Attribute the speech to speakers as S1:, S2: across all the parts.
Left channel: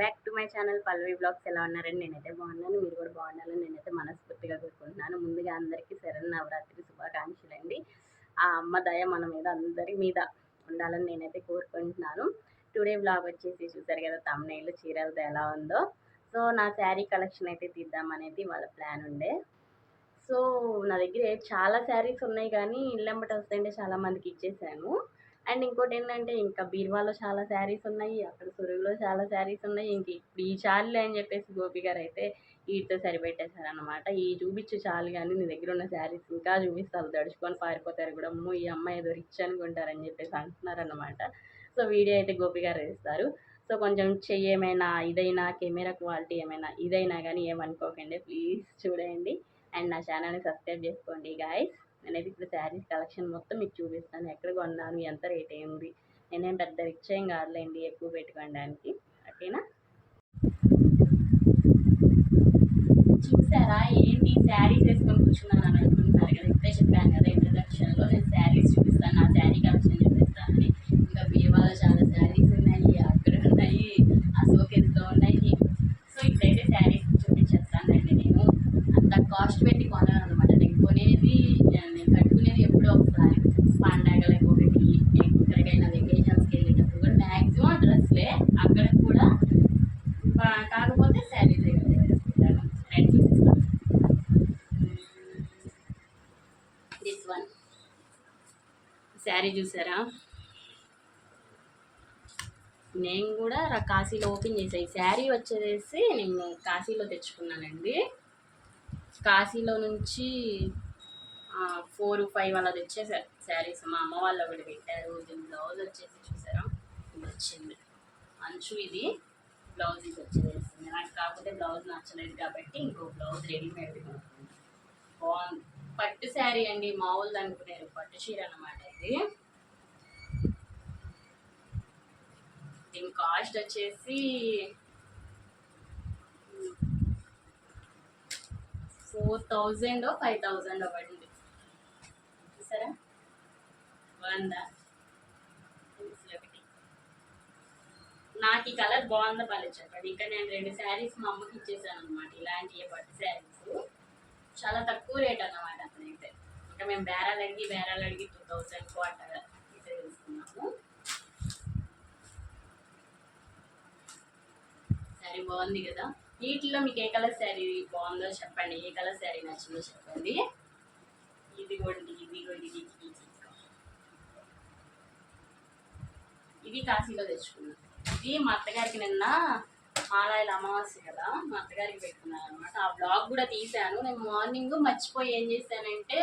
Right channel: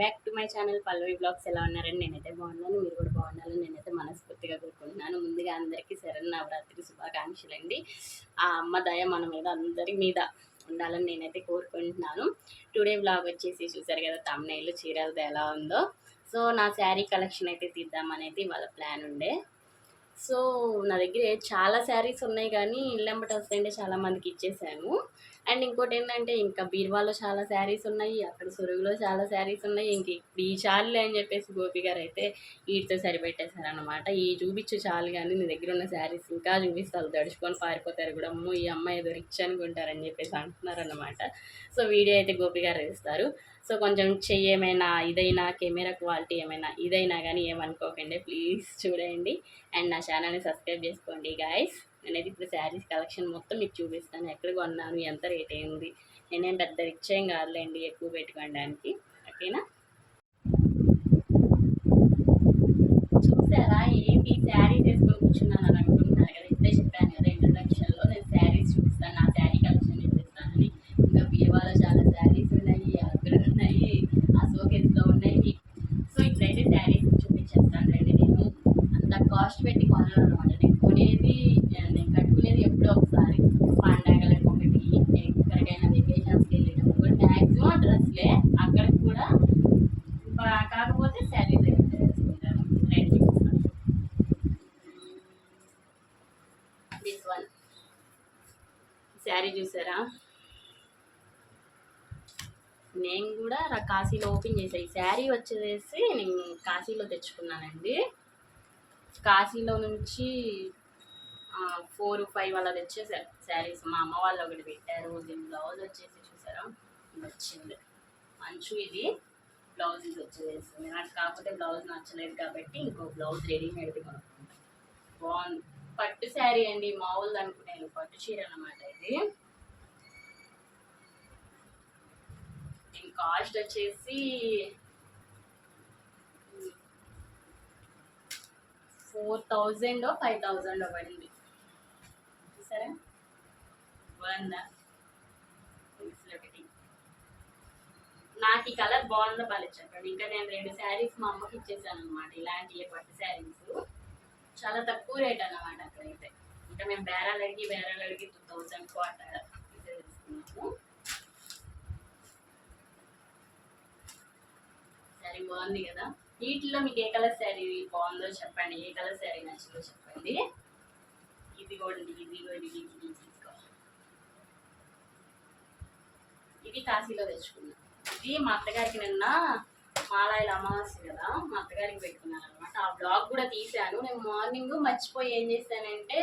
S1: Back to my channel Pallavi blogs. ఎలా ఉన్నారని నేనైతే బాగున్నాను. మీరు కూడా బాగుండాలని నేనైతే మనస్ఫూర్తిగా కోరుకుంటున్నాను. ముందుగా అందరికీ శరణ్ నవరాత్రి శుభాకాంక్షలు అండి ఆ అమ్మ దయ మన మీద అందరి మీద ఉండాలని నేనైతే కోరుకుంటున్నాను. టుడే బ్లాగ్ వచ్చేసి చూసారు కదా తమ్నైలు చీరలతో ఎలా ఉందో. సో నా శారీ కలెక్షన్ అయితే తీద్దామనేది వాళ్ళ ప్లాన్ ఉండే. సో నా దగ్గర చాలా శారీస్ ఉన్నాయి కానీ ఇల్లెంబట వస్తాయంటే చాలా మందికి ఇచ్చేసాను. అండ్ ఇంకోటి ఏంటంటే ఇంకా బీర్వాలో చాలా శారీస్ ఉన్నాయి అక్కడ సురుగులో చాలా శారీస్ ఉన్నాయి ఇంక ఇప్పుడు ఈ చాలులే అని చెప్పేసి గోపి గారు అయితే వీటితో సరిపెట్టేశారనమాట ఈ చూపించు చాలు కానీ నీ దగ్గర ఉన్న శారీస్ ఇంకా చూపిస్తారు తడుచుకొని పారిపోతారు కూడా అమ్మో ఈ అమ్మాయి ఏదో రిచ్ అనుకుంటారని చెప్పేసి అంటున్నారనమాట సో వీడియో అయితే గోపి గారు వేస్తారు సో కొంచెం చెయ్యి ఏమైనా ఇదైనా కెమెరా క్వాలిటీ ఏమైనా ఇదైనా కానీ ఏమనుకోకండి ప్లీజ్ చూడండి. అండ్ నా ఛానల్ని సబ్స్క్రైబ్ చేసుకోండి గాయస్ నేనైతే ఇప్పుడు శారీస్ కలెక్షన్ మొత్తం మీకు చూపిస్తాను. ఎక్కడ కొన్నాను ఎంత రేట్ అయింది నేనేం పెద్ద రిచ్ ఏం కాదులేండి ఎక్కువ పెట్టుకోవడానికి. ఓకేనా? చూసారా ఏంటి? శారీస్ వేసుకొని కూర్చున్నాను అని అనుకుంటున్నారు కదా ఇప్పుడే చెప్పాను కదా ఇంట్రడక్షన్లో నేను శారీస్ చూపిస్తాను నా శారీ కలెక్షన్ చూపిస్తానని ఇంకా బీవాలో చాలా శారీస్ ఉన్నాయి అక్కడ ఉన్నాయి అశోకెస్లో ఉన్నాయి సో ఇప్పుడైతే శారీస్ చూపించేస్తానండి నేను అంత కాస్ట్ పెట్టి కొనాను అనమాట నేను కొనేది నేను కట్టుకునేది ఎప్పుడో ఒకసారి పండగలకు ఒకటి ఎక్కడికైనా వెకేషన్స్కి వెళ్ళేటప్పుడు కూడా మ్యాక్సిమం డ్రెస్లే అక్కడ కూడా బా- కాకపోతే శారీస్ అయితే వేసుకుంటాను రెడ్ చూపిస్తాను దిస్ వన్ శారీ చూసారా నేను కూడా కాశీలో ఓపెన్ చేశాను ఈ శారీ వచ్చేసి నేను కాశీలో తెచ్చుకున్నానండి. కాశీలో నుంచి ఫోర్ ఫైవ్ అలా తెచ్చేసారు శారీస్. మా అమ్మ వాళ్ళు ఒకటి పెట్టారు. దీని బ్లౌజ్ వచ్చేసి చూసారా? ఇది వచ్చింది. అంచు ఇది. బ్లౌజ్ ఇది వచ్చేసింది నాకు కాకపోతే బ్లౌజ్ నచ్చలేదు కాబట్టి ఇంకో బ్లౌజ్ రెడీమేడ్ది కొనుక్కుంటాను బాగుంది. పట్టు శారీ అండి. మామూలు అనుకునేది. పట్టు చీర అనమాట ఇది. దీని కాస్ట్ వచ్చేసి ఫోర్ థౌజండ్ ఫైవ్ థౌజండ్ పడింది. చూసారా? బాగుందా ఒకటి నాకు ఈ కలర్ బాగుందా బాగా చెప్పండి ఇంకా నేను రెండు శారీస్ మా అమ్మకి ఇచ్చేసాను అనమాట ఇలాంటి పట్టు శారీస్. చాలా తక్కువ రేట్ అన్నమాట అక్కడైతే. ఇంకా మేము బేరాలు అడిగి బేరాలు అడిగి టూ థౌజండ్ అట్లా తీసుకున్నాము శారీ బాగుంది కదా. వీటిలో మీకు ఏ కలర్ శారీ బాగుందో చెప్పండి. ఏ కలర్ శారీ నచ్చిందో చెప్పండి. ఇది కూడా ఇది కూడా ఇది. ఇది కాశీలో తెచ్చుకున్నా. ఇది మా అత్తగారికి నిన్న మాలాయిల అమావాస్య కదా మా అత్తగారికి పెట్టుకున్నాను అనమాట ఆ బ్లాగ్ కూడా తీశాను. నేను మార్నింగ్ మర్చిపోయి ఏం చేశానంటే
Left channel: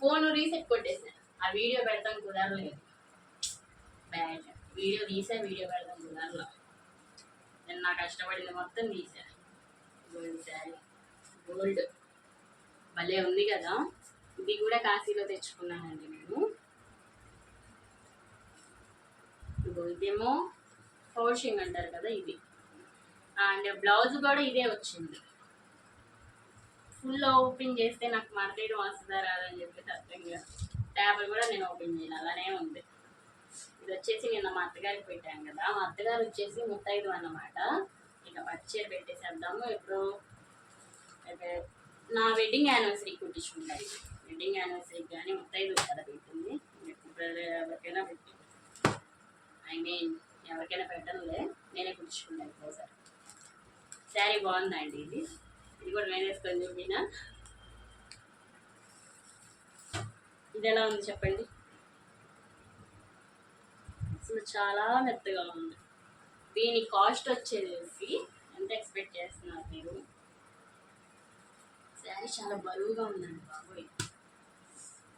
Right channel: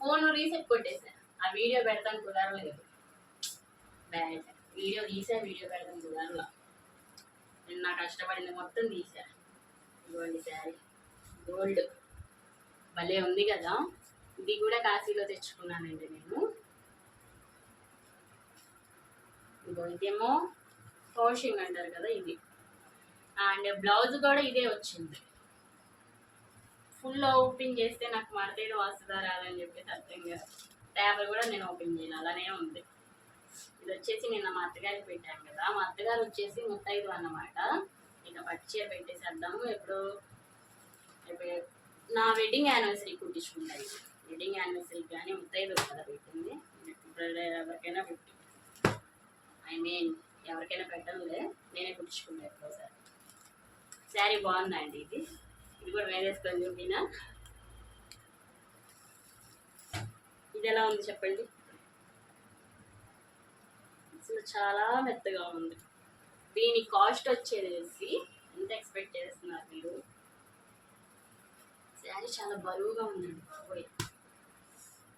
S1: ఫోన్ రీసెట్ కొట్టేశాను ఆ వీడియో పెడతాను కుదరలేదు. బ్యాడ్ వీడియో తీసా వీడియో పెడతాను కుదరలా. నేను నా కష్టపడింది మొత్తం తీసా. గోల్డ్ శారీ గోల్డ్ భలే ఉంది కదా? ఇది కూడా కాశీలో తెచ్చుకున్నానండి నేను. ఇగో ఇదేమో ఫోర్షింగ్ అంటారు కదా ఇది. అండ్ బ్లౌజ్ కూడా ఇదే వచ్చింది. ఫుల్ ఓపెన్ చేస్తే నాకు మడతేయడం వస్తుందా రాదని చెప్పేసి అర్థం కాదు. పేపర్ కూడా నేను ఓపెన్ చేయను. అలానే ఉంది. ఇది వచ్చేసి నిన్న మా అత్తగారికి పెట్టాను కదా. మా అత్తగారు వచ్చేసి ముత్తైదు అన్నమాట. ఇక పట్టు చీర పెట్టేసేద్దాము. ఇప్పుడు నా వెడ్డింగ్ యానివర్సరీ కుట్టించుకుంటాయి వెడ్డింగ్ యానివర్సరీకి కానీ ముత్తైదు కదా పెట్టింది. ఎవరికైనా పెట్టి. ఐ మీన్ ఎవరికైనా పెట్టనులే. నేనే కుట్టించుకుంటా ఎప్పుడో ఒకసారి శారీ బాగుందా అండి ఇది? ఇది కూడా వేసేసుకొని చూపినా. ఇది ఎలా ఉంది చెప్పండి? అసలు చాలా మెత్తగా ఉంది. దీని కాస్ట్ వచ్చేసి ఎంత ఎక్స్పెక్ట్ చేస్తున్నారు మీరు? శారీ చాలా బరువుగా ఉందండి బాబోయ్.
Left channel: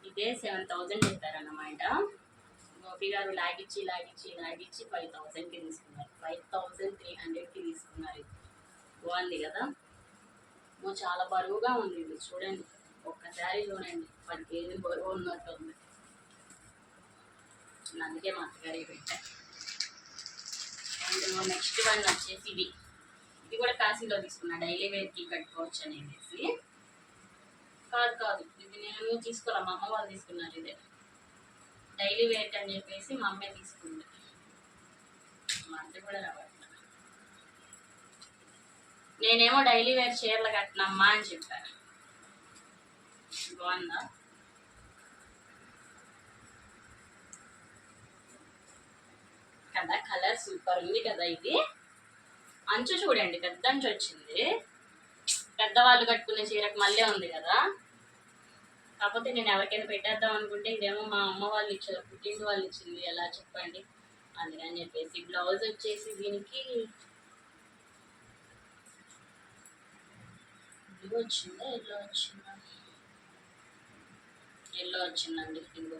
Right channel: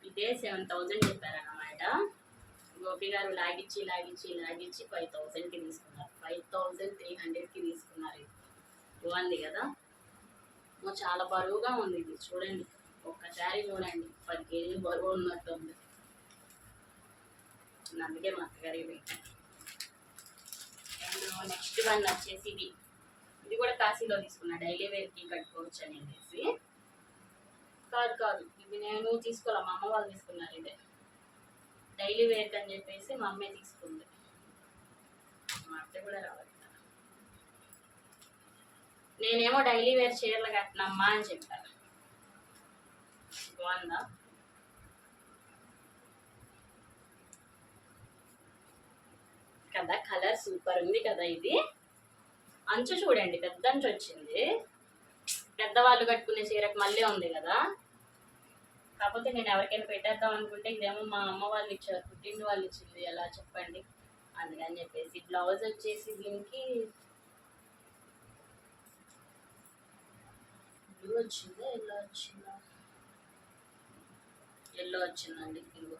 S1: ఇదే సెవెన్ థౌజండ్ చెప్పారన్నమాట. గోపి గారు లాగిచ్చి లాగిచ్చి లాగిచ్చి ఫైవ్ థౌజండ్కి తీసుకున్నారు. ఫైవ్ థౌజండ్ త్రీ హండ్రెడ్కి తీసుకున్నారు. ఇది బాగుంది కదా? చాలా బరువుగా ఉంది ఇది. చూడండి. ఒక్కసారి చూడండి. పది కేజీలు బరువు ఉన్నట్టు ఉంది నేను అందుకే మా అత్తగారికి పెట్టాను అండ్ నెక్స్ట్ వన్ వచ్చేసి ఇది. ఇది కూడా కాశీలో తీసుకున్నా. డైలీ వేర్కి కట్టుకోవచ్చు అనేసి. కాదు కాదు. ఇది నేను తీసుకోలే. మా అమ్మ వాళ్ళు తీసుకున్నారు ఇదే. డైలీ వేర్ అని చెప్పేసి మా అమ్మే తీసుకుంది. మా అత్త కూడా రావట్లేదు నేనేమో డైలీ వేర్ చీరలు కట్టినమ్మా అని చెప్పాను బాగుందా? కదా కలర్ సూపర్ ఉంది కదా ఇది. అంచు చూడండి పెద్ద అంచు వచ్చింది. పెద్దవాళ్ళు కట్టుకునే చీరకు మళ్ళీ ఉంది కదా. కాకపోతే నేను ఎవరికైనా పెట్టేద్దాం అనుకుంటే ఇదేమో మా అమ్మ వాళ్ళు ఇచ్చారు పుట్టింటి వాళ్ళు ఇచ్చింది ఎలా చెప్పండి? అందుకని చెప్పేసి బ్లౌజ్ వచ్చేసి దీనికి బ్లూ వచ్చిందా ఎల్లో వచ్చిందా? ఎల్లో వచ్చిందండి ఇంకో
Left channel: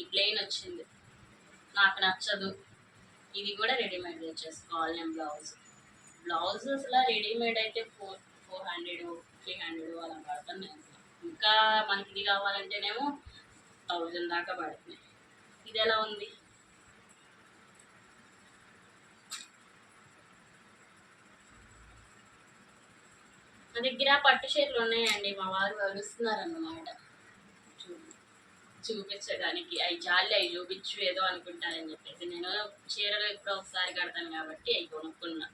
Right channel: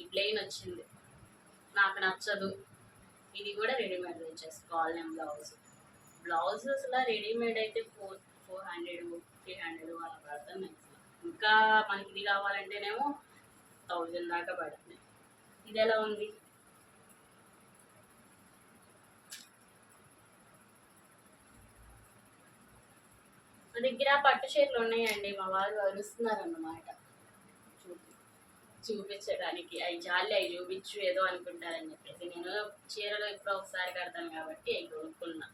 S1: ఈ ప్లెయిన్ వచ్చింది. నాకు నచ్చదు. ఇది కూడా రెడీమేడ్ తెచ్చేసుకోవాలి నేను బ్లౌజ్. బ్లౌజ్ అసలు రెడీమేడ్ అయితే four four hundred three hundred అలా పడుతున్నాయి ఇంకా మనకి ఇది కావాలంటేనేమో థౌజండ్ దాకా పడుతున్నాయి. ఇది ఎలా ఉంది? నా దగ్గర పట్టు చీరలు ఉన్నాయండి. మా వారు అరుస్తున్నారు అన్నమాట చూ- చూపించడానికి అవి జాలి అవి చూపించు ఏదో అనుకుంటారని చెప్పేసి నేను చీరలు ఎప్పుడో ఒకసారి కడతాను కాబట్టి అవి కొనుక్కున్నా.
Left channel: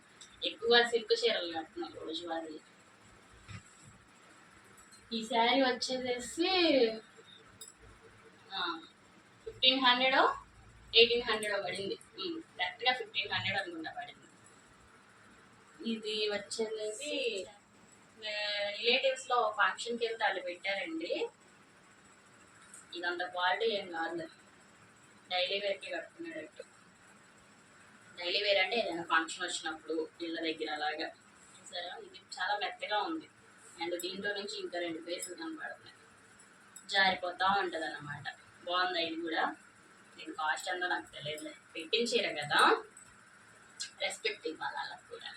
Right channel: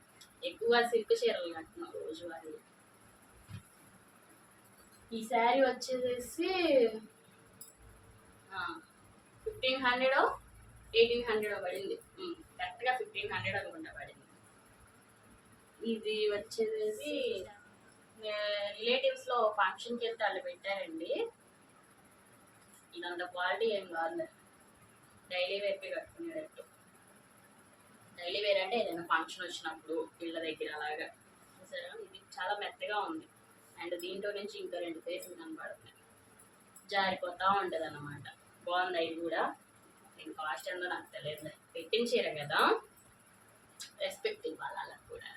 S1: ఎక్కువ సిల్క్ చీరలు కట్టినా రోజువారీ. ఈ శారీ వచ్చేసేసి ఫిఫ్టీన్ హండ్రెడ్ ఎయిటీన్ హండ్రెడ్ పడింది. కరెక్ట్గా ఫిఫ్టీన్ హండ్రెడ్ అనుకుంటా పడింది. ఇది వచ్చేసేసి రిలేటివ్స్లో ఫంక్షన్కి వెళ్తే వాళ్ళు పెట్టారండి. ఇదంత క్వాలిటీ ఏం కాదు. డైలీ వేర్కి కట్టుకునేటట్టు. డైలీ వేర్ అంటే ఏదైనా ఫంక్షన్ వచ్చినప్పుడు పిల్ల దగ్గర అలాగా. సరే ఇది చాలా మెత్తగా ఉంది. అండ్ దీంట్లో నుంచి ఇంకా రెండు పేసులు కనబడుతున్నాయి. జారిపోతూ ఉంటుంది అన్నమాట బాగుంది ఇది కూడా? దీని కాస్ట్ ఎంతో నాకు తెలియదులే. పెట్టించారు కదా? రెస్పెక్ట్ ఇవ్వాలి వాళ్ళకి కూడా.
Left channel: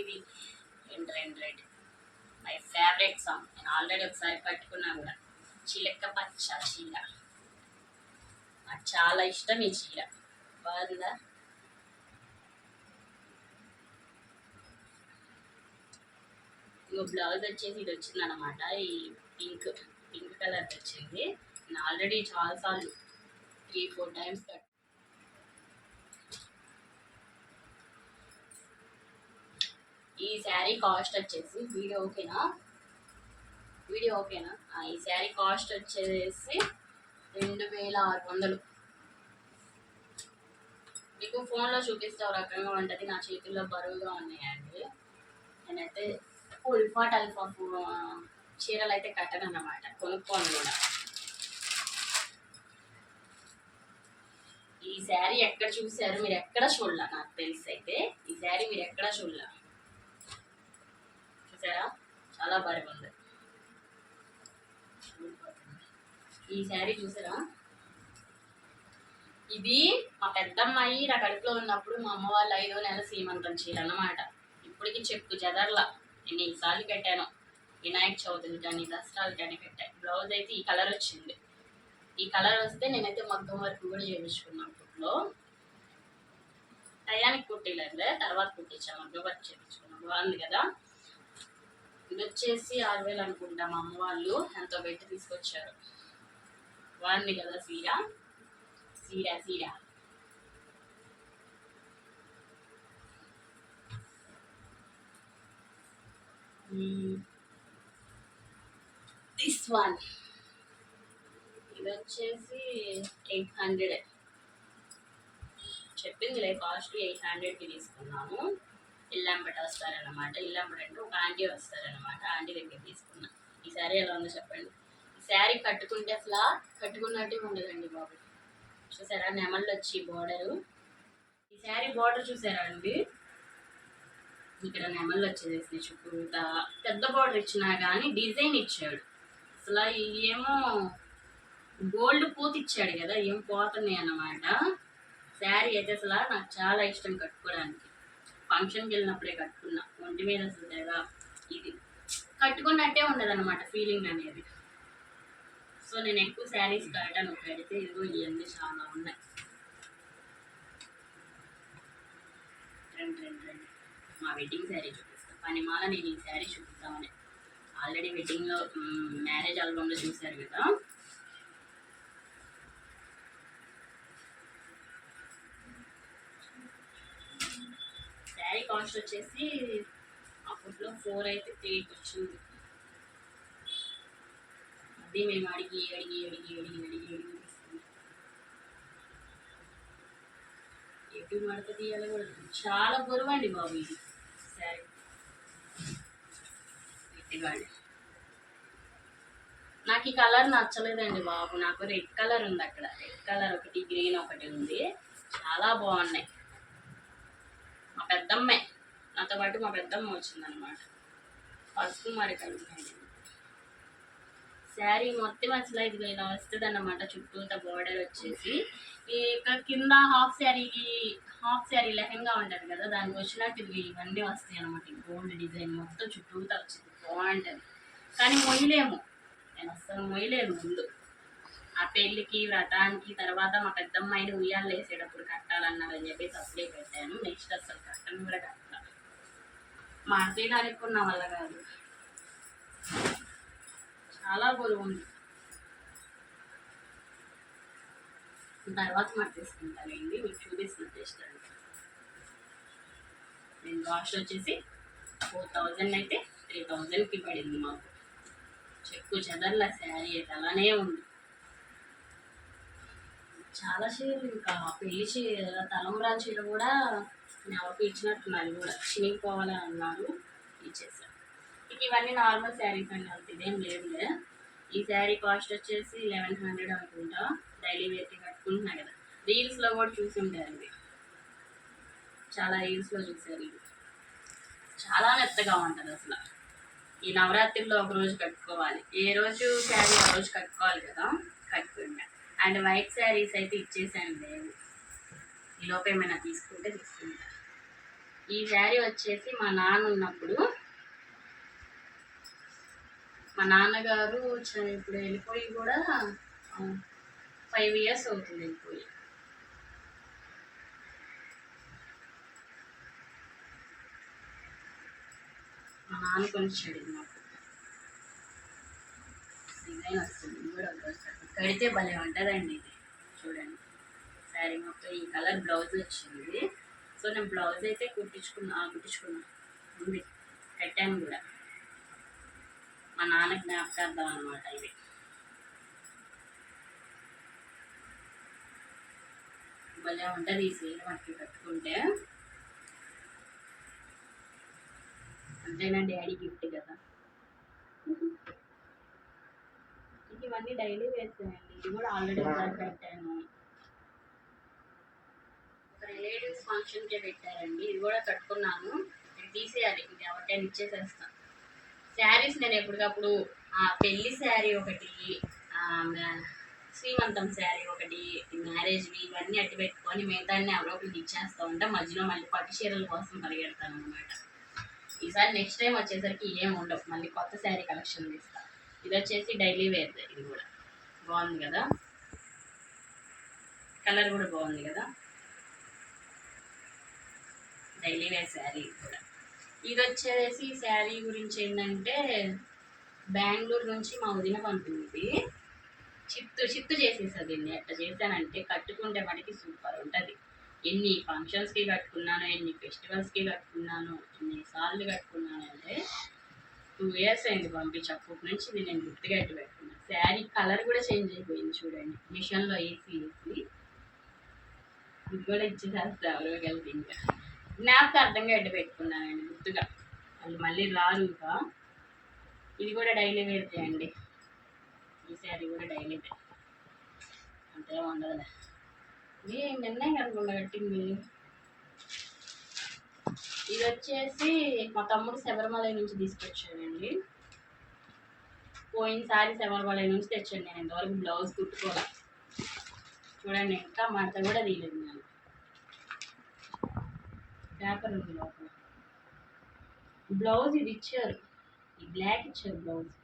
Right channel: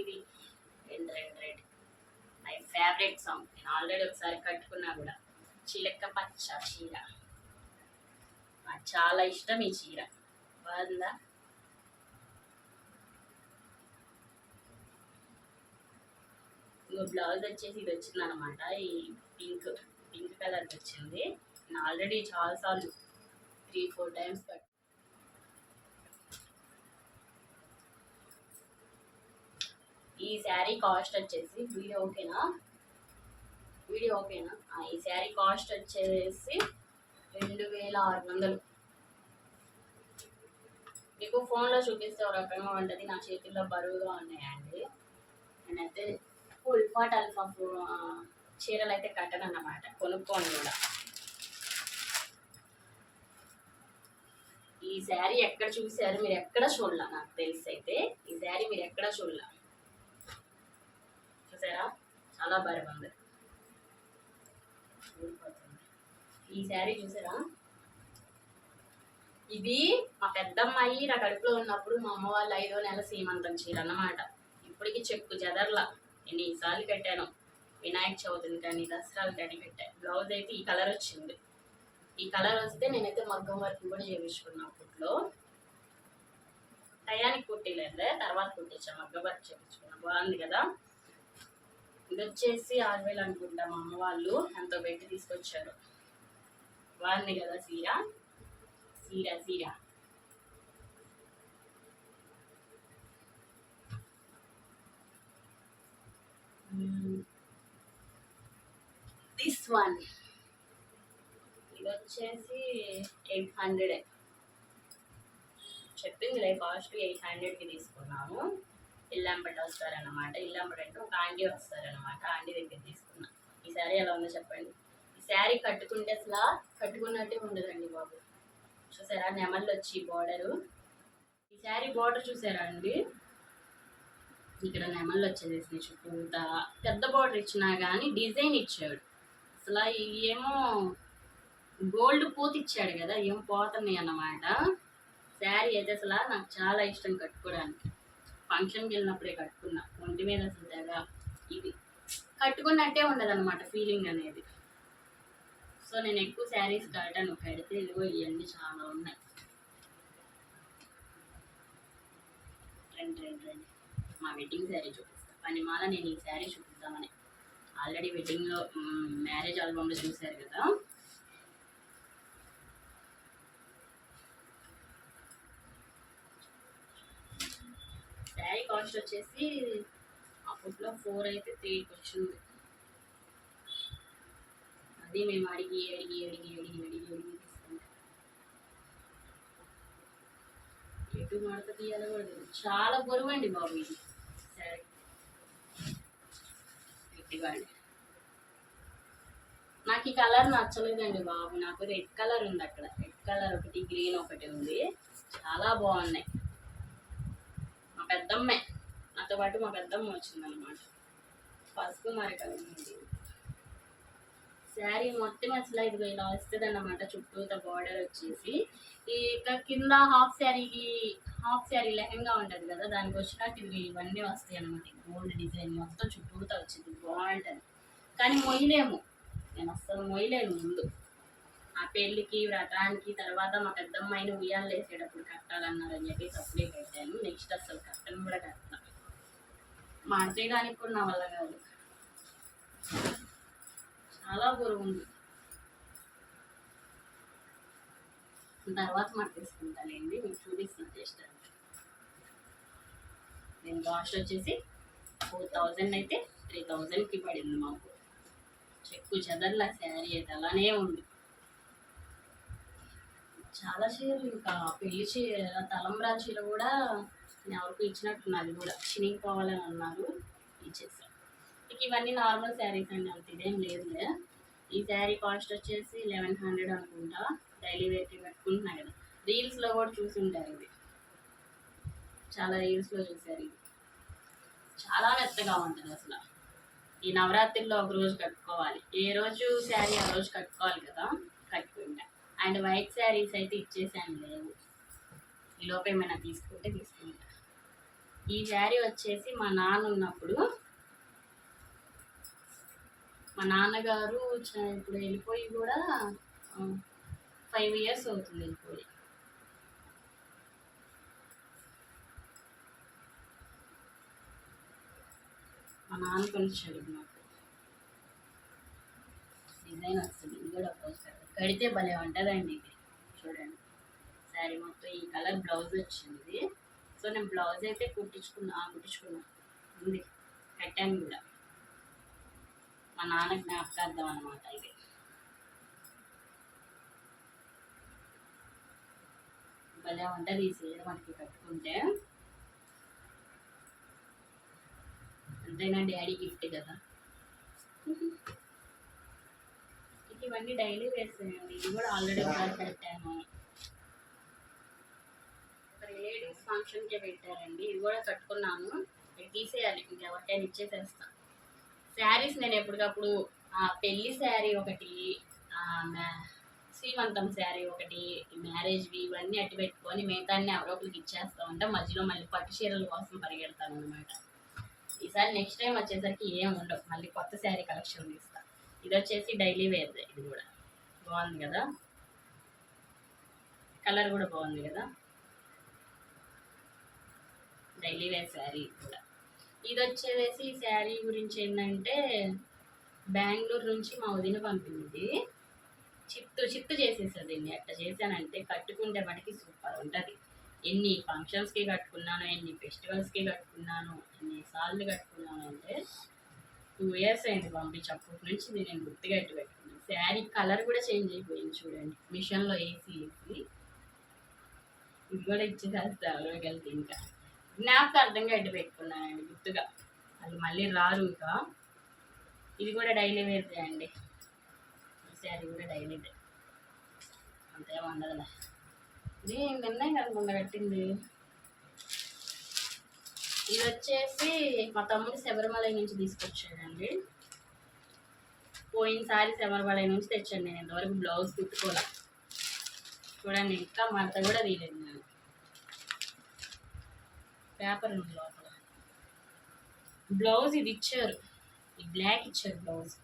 S1: ఇది. రెండు రెండు రెడ్ మై ఫేవరెట్ సాంగ్ నేను ఆల్రెడీ ఒకసారి కట్టుకున్నా కూడా. చిలక పచ్చ చీర. నాకు చాలా ఇష్టం ఈ చీర. బాగుందా? ఇంకో బ్లౌజ్ వచ్చేసి ఇది వచ్చింది అనమాట ఈ పింక్ పింక్ కలర్ వచ్చింది. నేను ఆల్రెడీ చాలాసార్లు త్రీ ఫోర్ టైమ్స్ కట్ ఈ శారీ కాస్ట్ వచ్చేసి వీడియో ఓకేనా? వీడియో ఓకేనా? ఈ శారీ కాస్ట్ వచ్చేసి రెండు వేల ఆరు వందలు. మీకు ఫోన్లో చూపిస్తే ఒక రకంగా ఉంటుంది. నా చేతుల్లో బరువుగా ఉన్నాయండి. నేనైతే ఉల్ఫాట్ ఫాట్ అల్ఫా ఫు- చీరలు అయితే కట్టను అన్నమాట కొనుక్కోను కూడా. ఈ శారీ ఎక్కడ చూసారు మీరు ఎక్కడ చూడాల? నాకు తెలిసి అయితే ఈ శారీ మీరు ఎక్కడ చూడాలి? చూసారా? చాలా బరువు ఉంది ఈ శారీ చూసారా? ఇది మా పెద్దమ్మాయి నా కడుపులో ఉన్నప్పుడు మా అమ్మ వాళ్ళు ఐదో నెల సీమంతం చీర అన్నమాట ఇప్పటికి చెక్కు జదర్లా ఎన్నిసార్లు పెట్టాను వినాయక చవితులు కానీ దసరాలు కానీ పెట్టాను బ్లౌజ్ అయితే ఈ కలర్ వచ్చింది. ఈ కలర్ వస్తే నేనైతే మగ్గం వర్క్ కూడా చేయించుకున్నాను అప్పట్లో. టయానికి కుట్టిలేదు. తర్వాత కుట్టించాను మగ్గం వర్క్ చేయించుకున్నా. బాగుంది కదా? ఇది వచ్చేసి ఆరు వేలు అనుకుంటా మా అమ్మ వాళ్ళు ఎంతో పెట్టి తీసుకొచ్చారు. వాడిని కదా సీర? సీర సీర. దిస్ వన్ ఇది వచ్చేసి ఎయిట్ హండ్రెడ్. చెప్పింది చెప్పిందిలే కాస్ట్ ఎయిట్ హండ్రెడ్కి తీసుకున్నాను ఇల్లంబట వస్తారన్నమాట ఇల్లంబట అంటే ఒక ఆంటీ వస్తారన్నమాట. ఆంటీ దగ్గర తీసుకున్నా. ఈ శారీ ఎలా ఉందో చెప్పండి. ఈ శారీ కట్టుకుంటే అసలు కట్టుకున్నట్టే ఉండదండి బాబు. చూసారా? నెమళ్ళు వచ్చి బార్డరు ఈ శారీ బార్డర్ చూసారా అండి? ఇక్కడ నెమళ్ళు వచ్చేసేసి చుట్టూతా పెద్ద బార్డర్ ఇచ్చినా కానీ డిజైన్ ఇచ్చాడు. అసలు ఏమో గోల్డ్ పూత ఇచ్చాడు కదా ఏం పోతున్నాయి అన్నమాట శారీ అయితే అసలు నాకు చాలా ఇష్టం కట్టుకోవడానికి. ఫంక్షన్కి వెళ్ళినప్పుడే కట్టుకున్నా. ఒంటి మీద అసలు తెగ ఇది. కట్టుకున్నట్టే ఉండదు అనమాట ఫీలింగ్ అనేది. సో నేను ఎక్కువ శారీస్ కట్టాను. కడితే ఇదిగో ఇవన్నీ చాలా ఉన్నాయి. రెండు రెండు రెండు. మా వెడ్డింగ్ శారీ చూపిస్తాను పనిమాల నేను ఈ శారీ చూపిస్తామని ఆల్రెడీ వెడ్డింగ్లో మ్యారేజ్ ఆల్బమ్లో చూశారు కదా శారీ కాస్ట్ వచ్చేసి అప్పట్లో ఫోర్ అయితే త్రీకి వచ్చింది. అది మేము అడిగి అడిగి అడిగి అడిగి అడిగి అడిగి తీసుకుంటాం ఎటు మడత తీయాలకూడదు చాలా బరువు అండి బాబు ఇది. సరే. గట్టిగా నాకు ఈ కలర్ నచ్చలేదండి బాబు. నాకు రెడ్ కలర్ ఉంది అక్కడ. రెడ్ కలర్ ఒకటి గ్రీన్ ఒకటి ఉంది. చాలా బాగున్నాయి. మా పెద్దమ్మే. నాతో పాటు మా పెద్దమ్మ వచ్చిందనమాట పసుపు మరికలు ఉన్నాయి. శారీ మొత్తం అసలు ఇది ఇలా వస్తుంది అన్నమాట చుట్టూత బార్డర్ వచ్చేసి. ఇక కింద హాఫ్ శారీకి హాఫ్ శారీ లెహంగా ఉంటుంది కదా దానికి వచ్చినట్టు ఇవి ఇవన్నీ వస్తాయి అనమాట గోల్డ్ డిజైన్ మొత్తం చుట్టూత వచ్చింది. బాగుంటుంది. కానీ మొయ్యలేము. నేను అస్సలు మొయ్యలేను ముందు. ఆ పెళ్ళికి వ్రతానికి తర్వాత మా పెద్దమ్మాయిని ఉయ్యాలు వేసేటప్పుడు కట్టాలన్నారని చెప్పేసి అప్పుడే పెట్టాను. నెక్స్ట్ అసలు కట్టను కూడా కట్టాను. మాడితే కానీ నా వల్ల కాదు. చాలా బరువు ఉంది. తర్వాత మట్టేసుకుంటానండి మీకు చూపిస్తున్న టేస్ట్ అంటే నేను కాస్ట్ వచ్చేసి ఫోర్ థౌజండ్ అయితే త్రీ థౌజండ్కి పడింది మాకు. చెక్కు చెదర్ల శారీ అయితే అలానే ఉంది. చాలా చీరలు ఇంకా పెళ్ళి చీర తలంబ్రా చీర కూడా ఎవరికి ఇచ్చినట్టున్నది కూడా. చినిగిపోవాలని అన్నారు ఇచ్చేసాను ఇక ఇవన్నీ నార్మల్ శారీస్ అండి అంత ఇదేం లేదులే. ఈ శారీ కాస్ట్ వచ్చేసి లెవెన్ హండ్రెడ్ అనుకుంటా. డైలీ వేర్కి కట్టుకుంటున్నా కదా. రీల్స్లో కూడా చూసి ఉంటారు ఇది చాలా రీల్స్లో చూసారు ఇవి చాలా మెత్తగా ఉంటుంది అసలు. ఈ నవరాత్రిలో ఒక రోజు కట్టుకోవాలి. ఏ రోజు శారీ ఆ రోజు కట్టుకోవాలి కదా కట్టుకుంటా. అండ్ వైట్ శారీస్ అయితే ఇచ్చేసాను లేదు. ఈ ఏమైనా తీసుకుంటే తీసుకుంటా. ఈ శారీ వచ్చేసి మా నాన్న ఉన్నప్పుడు. మా నాన్నగారు ఇప్పుడు వెళ్ళిపోయి కూడా ఫైవ్ ఇయర్స్ అవుతుంది వెళ్ళిపోయి. మా నాన్న కొనిచ్చాడు ఇది మాకు. డిజైన్ వస్తుంది. ఇది కూడా ఒక కడితే భలే ఉంటుందండి ఇది. చూడండి. శారీ మొత్తం ఈ కలర్ బ్లౌజ్ వచ్చింది. సో నేను బ్లౌజ్ అయితే కుట్టించుకున్నా ఆ, కుట్టించుకున్నా. ఉంది. కట్టాను కూడా. మా నాన్న జ్ఞాపకార్థం అనమాట ఇది. భలే ఉంటుంది ఈ చీర మనకి కట్టుకుంటే. అంతేనా డాడీ గిఫ్ట్ కదా? ఇవన్నీ డైలీ వేస్తాయండి. ఇది కూడా ఆల్రెడీ పెట్టాను రిలేటివ్స్ ఫంక్షన్కే పెట్టారండి. ఇది కూడా కట్టుకున్నాను. ఇది తీసేయాలి. ఇంకెవరికైనా ఇచ్చేసేస్తాను శారీస్ నేను ఎప్పటికప్పుడు పెళ్ళి పెళ్ళి శారీ ఒకటి శ్రీమంతం శారీ ఒకటి మ్యారేజ్వి ఇవన్నీ అట్టి పెట్టుకొని మిగతాన్ని ఎవరో ఇచ్చేస్తూ ఉంటా మధ్యలో మళ్ళీ పట్టు చీరల కోసం పరిగెడతాను అనమాట ఈసారి నెక్స్ట్ టైం వచ్చేసరికి ఏం ఉండవు. మళ్ళీ కొత్త శారీ కలెక్షన్ తీస్తాను ఇది వచ్చేసి డైలీ వేర్. ఇది కూడా బాగుంది కదా? కలర్ కూడా బాగుంది కదా? డైలీ వేర్ శారీ కూడా. ఇది వచ్చేసి ఈ శారీ గురించి ఏంటంటే బెంగళూరు నుంచి మా వదిన పంపింది. చిత్తు చిత్తు చేసేసా దీన్ని. ఎట్లా చేశానంటే కట్టుకుంటే మటుకి సూపర్ ఉంటుంది. ఎన్ని ఫంక్షన్స్కి కట్టుకున్నాను ఎన్ని ఫెస్టివల్స్కి కట్టుకున్నాను ఎన్ని సార్లు కట్టుకున్నాను అంటే టూ ఇయర్స్ అయింది పంపించి. అప్పటి నుంచి ఇది నేను గుర్తుగా ఎట్టు పెట్టుకున్నాను శారీ కలర్ కూడా చేంజ్ అయిపోయింది చూడండి. మిషన్లో వేసి వేసి ఇది కూడా ఇచ్చేసేస్తా ఎవరో కలిపి ఇంకా. జ్ఞాపకార్థంగా ఎట్టు పెట్టుకున్నానండి గుర్తుగా. వాళ్ళు మళ్ళీ రారు ఇంకా. ఇది కూడా డైలీ వేరే అండి. ఈ శారీ కూడా డైలీ వేర్ అంతే ఉండదులే ఇది నిన్నే కనుకుండా కట్టింది. ఇది వచ్చేసి మా తమ్ముడు శబరిమల నుంచి తీసుకొచ్చాడండి. పోయినసారి శబరిమల నుంచి తెచ్చాను నేను. ఇంతవరకు బ్లౌజ్ కుట్టుకోలే. చూడండి ఇంకా మడత కూడా తీయలేదు నేను. పేపర్ ఉంది లోపల. బ్లౌజ్ ఇది ఇచ్చారు. ఈ బ్లాక్ ఇచ్చారు బ్లౌజ్.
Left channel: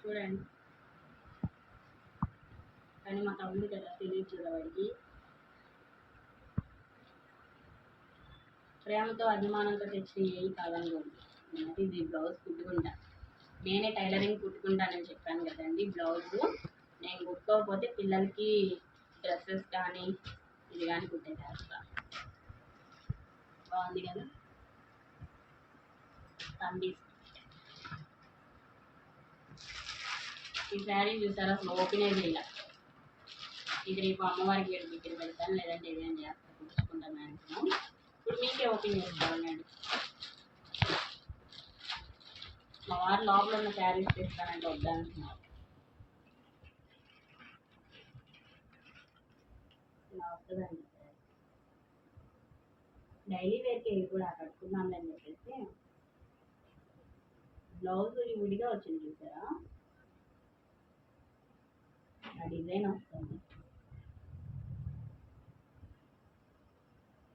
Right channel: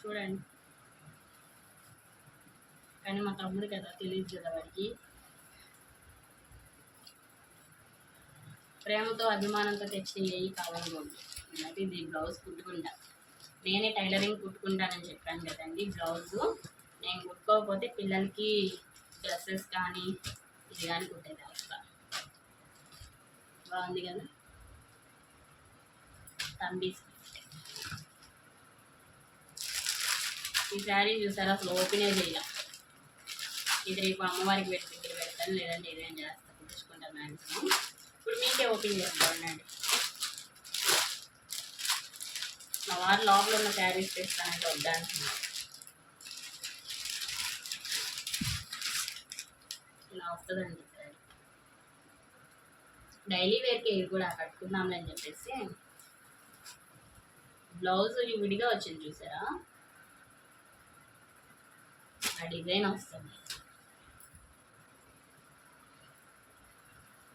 S1: చూడండి. కానీ మా తమ్ముడు కదా తెలియదు కదా వాడికి. ప్రేమతో అభిమానంతో తెచ్చిన కావాలి కావాలనుకోండి ఇది బ్లౌజ్ కుట్టుకుంటా. నేనే టైలరింగ్ కుట్టుకుంటానని చెప్పాను కదండి బ్లౌజ్. నేను కుట్టుకోకపోతే పిల్లలకి డ్రెస్సెస్ కానీ ఇది అనుకుంటే కుట్టేది బాగుంది కదా? తంబీస్ ఈ శారీ చూసారు? అసలు ఓపెనే చేయాల. ఇది రేపు అమ్మవారికి పెట్టి దగ్గర పెడతాను లేదంటే ఇదేం చేస్తా కుట్టించుకుంటా మ్యాక్సిమం ఇప్పుడు మీకే ఓపెన్ చేసుకోవాలండి మా వారు లోపల ఉన్న శారీస్ తెస్తానంటే వద్దంటున్నారు. ఇలా వస్తుందండి శారీ డైలీ వేర్కి ఇది కూడా కట్టుకుందాంలే అని చెప్పేసి బ్లౌజ్ విడిగా వచ్చింది చూసారా? ఆ డిజైన్ వస్తుంది.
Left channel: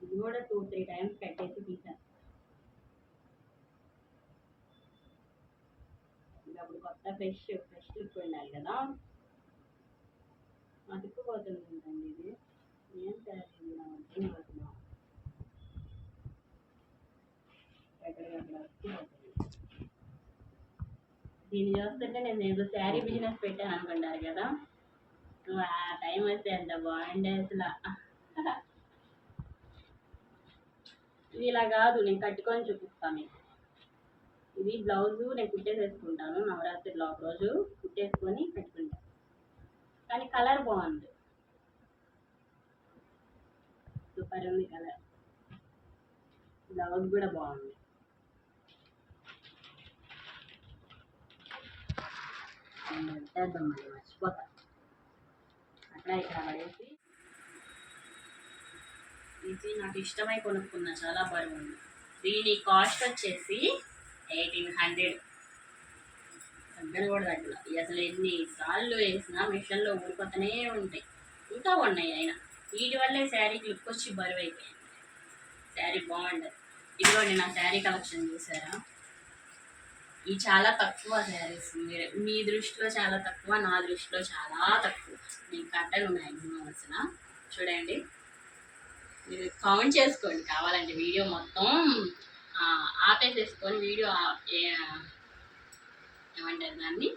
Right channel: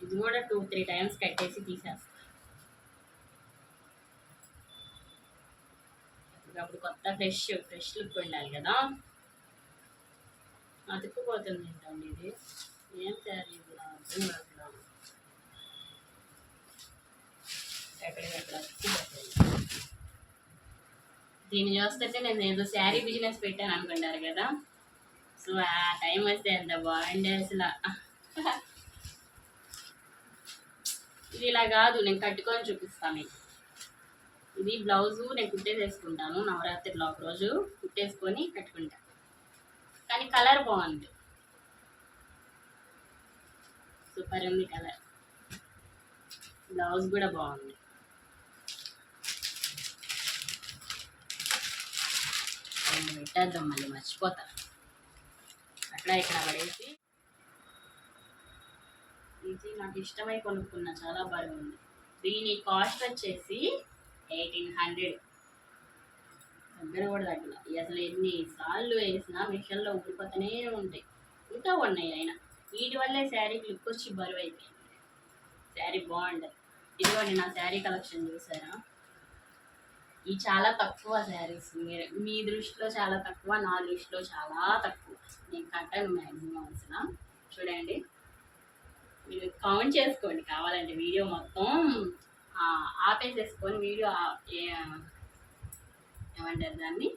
S1: ఇది కూడా టూ త్రీ టైమ్స్ కట్టేసి తీసేస్తా. అప్పుడు కొత్త ఫ్రెష్ ఫ్రెష్ లుక్ ఉండాలి కదా. అతుక్కుపోతుంది ఏంటండి ఇది? ఏం శారీ దీన్ని చూస్తుంటే నేను ఏదో శారీ బిజినెస్ పెట్టాను అనుకుంటారు కదా. సో ఆ టైం వస్తే ఎంత బాగుండే అసలు. ఇది ఇలా కాదు నేను కట్టుకొని చూపిస్తాను మీకు. ఇది బ్లౌజు నేను కుట్టేసేసుకుంటాను. నవరాత్రిలో ఒక రోజు కుట్టేసుకొని కట్టుకుంటాను కానీ కలర్ బాగుంది. సూపర్ ఉంది కలర్. బ్లౌజ్ కూడా బాగుంది. రెండు పెట్టేద్దాం మళ్ళీ మర్చిపోతా. అక్కడ ఇక్కడ పడేసి. ఇది నాకు ఇష్టమై కొనుక్కున్నా చాలా బాగుంది. దీని కాస్ట్ వచ్చేసి ఎయిటీన్ హండ్రెడ్ దగ్గర కూడా తగ్గల. అసలు ఎన్ని సార్లు వేసినా మిషన్లో ఊడిపోతూనే ఉంటాయి. ఇంకా ఉన్నాయి అయినా. వీటి వల్లే శారీ లుక్ వచ్చి బరువు అయిపోయింది శారీ బాగుండదు ఇదిగోండి నా శారీ కలెక్షన్ చూసారా? ఇవి చాలా తక్కువ శారీస్. మీ మీ దృష్టిలో చాలా తక్కువ నా దృష్టిలో చాలా తక్కువ. నేను కట్టను మ్యాక్సిమం అసలు చూడండి. మీరు కౌంట్ చేసుకోండి కావాలంటే వీడియో మొత్తం ఆపేసేసుకొని వీడియో ఏమంటారు దాన్ని?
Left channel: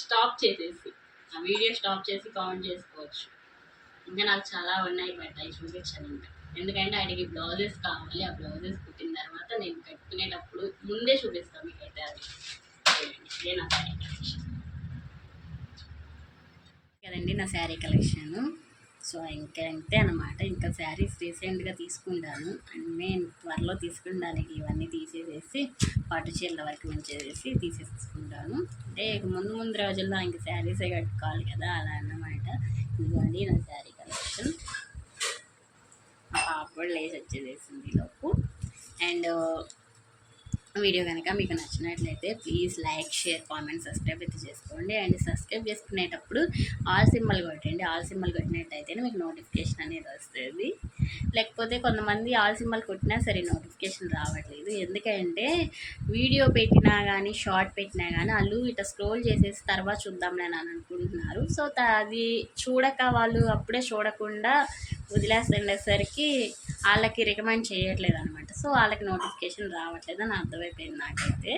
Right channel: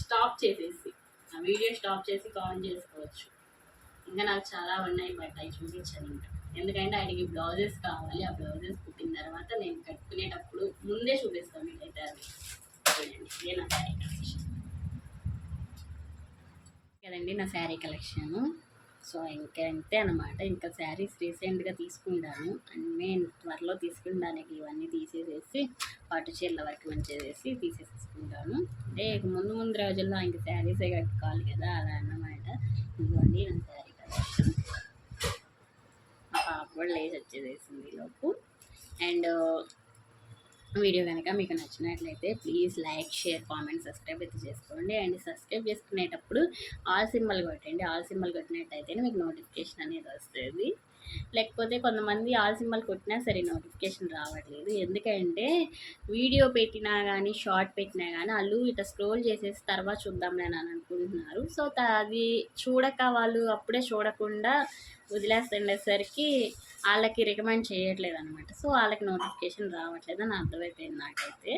S1: స్టాప్ చేసేసి ఆ వీడియో స్టాప్ చేసి కౌంట్ చేసుకోవచ్చు. ఇంకా నాకు చాలా ఉన్నాయి బట్ అవి చూపించాను ఇంకా. ఎందుకంటే ఆయనకి బ్లౌజెస్ కావాలి ఆ బ్లౌజెస్ కుట్టిన తర్వాత నేను కట్టుకునేటప్పుడు ముందే చూపిస్తాను మీకైతే అది. చూడండి ఇదే నా శారీ కలెక్షన్. కదండి నా శారీ కలెక్షన్. సో ఇంకా అంతే అనమాట ఇంకా శారీస్ రీసెంట్గా తీసుకుంటాను. అండ్ నేను త్వరలో తీసుకుంటానికి ఇవన్నీ తీసేసేసి పట్టు చీరల వరకు ఉంచేసేసి తీసేసుకుంటాను. అంటే ఇక ముందు ముందు రోజుల్లో ఇంకా శారీసే కట్టుకోవాలి కదా అలా అన్నమాట. ఇదిగోండి నా శారీ. ఆ పాప లేచి వచ్చేసేసింది లోపు. అండ్ వీడియో కనుక మీకు నచ్చినట్లయితే please like share comment subscribe అయితే చేసుకోండి. అండ్ సబ్స్క్రైబ్ చేసుకునేటప్పుడు ఆల్ సింబల్ కొట్టండి. ఆల్ సింబల్ కొట్టినట్టయితేనే మీకు నోటిఫికేషన్ అనేది వస్తుంది. లేకపోతే కొంతమంది ఆల్ సింబల్ కొట్టినా సరే నోటిఫికేషన్ రావట్లేదు. ఎందుకంటే వీడియో పెట్టినా కానీ షార్ట్ పెట్టినా కానీ వాళ్ళు ఇట్లా స్క్రోల్ చేసేసి తర్వాత చూద్దాంలే అని అనుకుంటున్నారు. సో త- అది చూడక వాళ్ళు అప్పుడే చూడకుండా వదిలేస్తుండేసరికి వాళ్ళకి రికమెండ్ చేయట్లేదు అనమాట సో వాళ్ళకి నోటిఫికేషన్ రావట్లేదు అని అర్థమైపోయింది నాకైతే.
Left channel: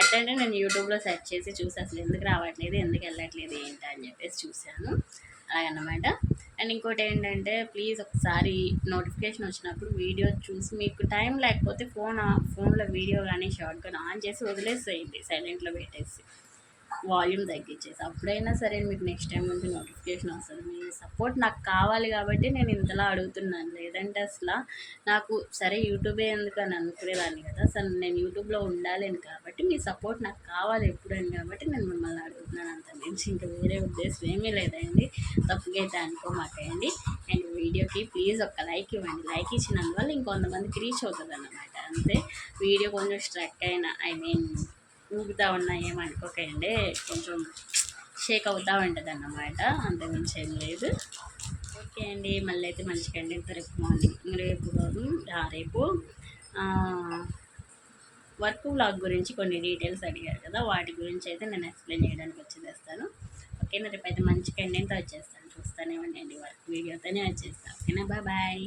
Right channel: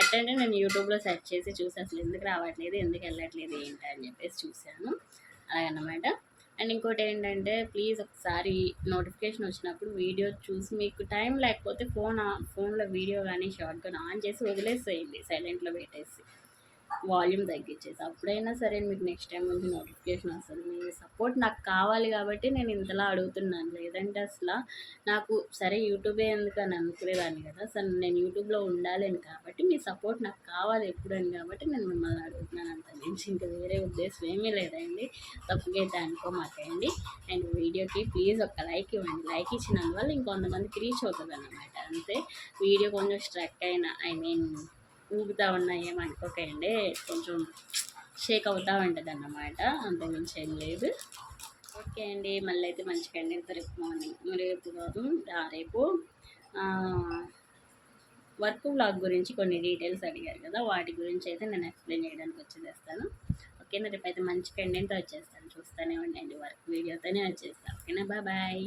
S1: ఎట్లంటే నేను యూట్యూబ్లో సెర్చ్ చేసి చూసి అసలు ఎందుకు రావట్లేదు? ఎందుకు వెళ్ళట్లేదు? ఏంటి అని చెప్పేసి చూశాను. అలాగనమాట అండ్ ఇంకోటి ఏంటంటే ప్లీజ్ ఒకసారి నోటిఫికేషన్ వచ్చినప్పుడు వీడియో చూసి మీకు టైం లేకపోతే ఫోన్ ఫోన్లో వీడియో కానీ షార్ట్ కానీ ఆన్ చేసి వదిలేసేయండి. సైలెంట్లో పెట్టేసి. వాల్యూమ్ తగ్గించేసి అప్పుడైనా సరే మీకు నెక్స్ట్ టైం నుంచి నోటిఫికేషన్ వస్తుంది మీ సపోర్ట్ నాకు కావాలి కాబట్టి నేను ఇంతలా అడుగుతున్నాను. లేదంటే అసలు నాకు సరే యూట్యూబే ఎందుకు అని అనుకునేదాన్ని కదా సరే నేను యూట్యూబ్లో ఉండాలని కాబట్టి మీ సపోర్ట్ నాకు కావాలి ఎప్పుడని కాబట్టి నేను మిమ్మల్ని అడుగుతున్నాను అంత నుంచి. ఇంకా వేరే ఉద్దేశం ఏమీ లేదండి. తప్పుగా అయితే అనుకోమాకండి. అండ్ వీడియోకి ప్లీజ్ ఒక లైక్ ఇవ్వండి. లైక్ ఇచ్చినందువల్ల ఇంకొంతమందికి రీచ్ అవుతుంది అన్నమాట అంతే. వీడియో కొంచెం స్ట్రక్ అయినా ఐ మీన్ ఊగుతూ ఉన్నా ఏమనుకోకండి కొంచెం షేక్ అవుతూ ఉంటుంది అన్నమాట అంతకుమించి ఏం లేదు. ఓకే అండి. మళ్ళీ అయితే మంచి అండి రేపు మార్నింగ్ రేపు కాదు రేపు వర్క్ బ్లాగ్ గురించి కొన్ని డీటెయిల్స్ అడిగారు కదా. వాటి గురించి అయితే నేను ఎక్స్ప్లెయిన్ చేయడానికి వచ్చేస్తాను ఓకేనా? రేపు అయితే మంచి కంటెంట్తో వచ్చేస్తాను. చూస్తూనే ఉండండి. వర్క్ వీడియోతోనే వచ్చేస్తాను ఓకేనా? Bye bye.